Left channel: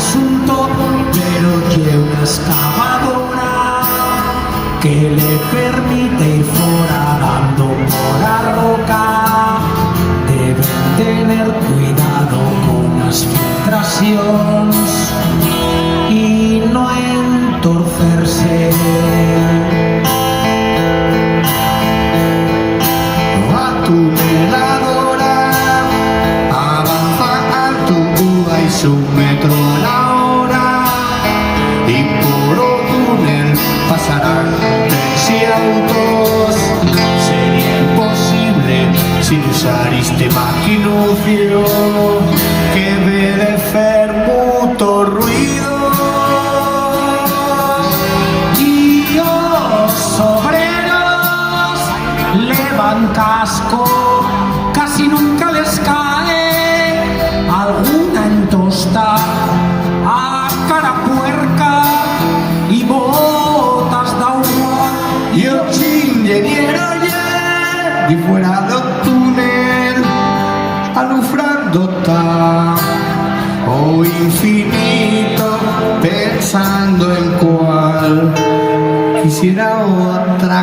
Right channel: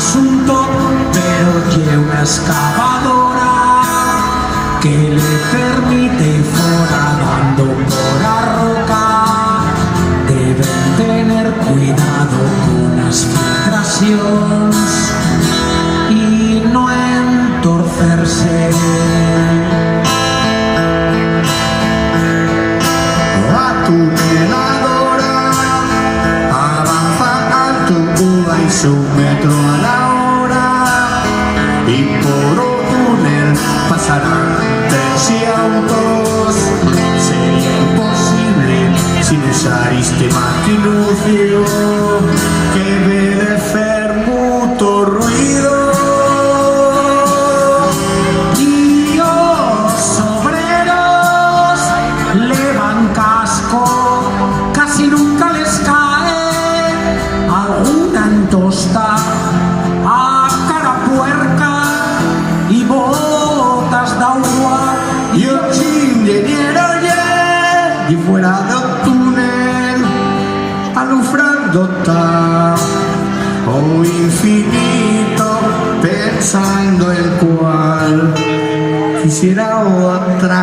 presunto, pero tiene una excavadora que le permite ir foradando por la roca. Deben tener cuidado con las filtraciones y no entorcerse. La tuneladora avanza al tubo y su metro a la hora, y por un túnel pasarán trenes y autos. Sería imposible sin usar este maquinucio que debe de hacer mucho ruido. Y los obreros llevan casco, casi nunca les cae alguna entosta a cara puerca y botas d'agua. Y el ingeniero ya y fuera del túnel alumbrando está o infinito, pensando en cuál quisiera otra.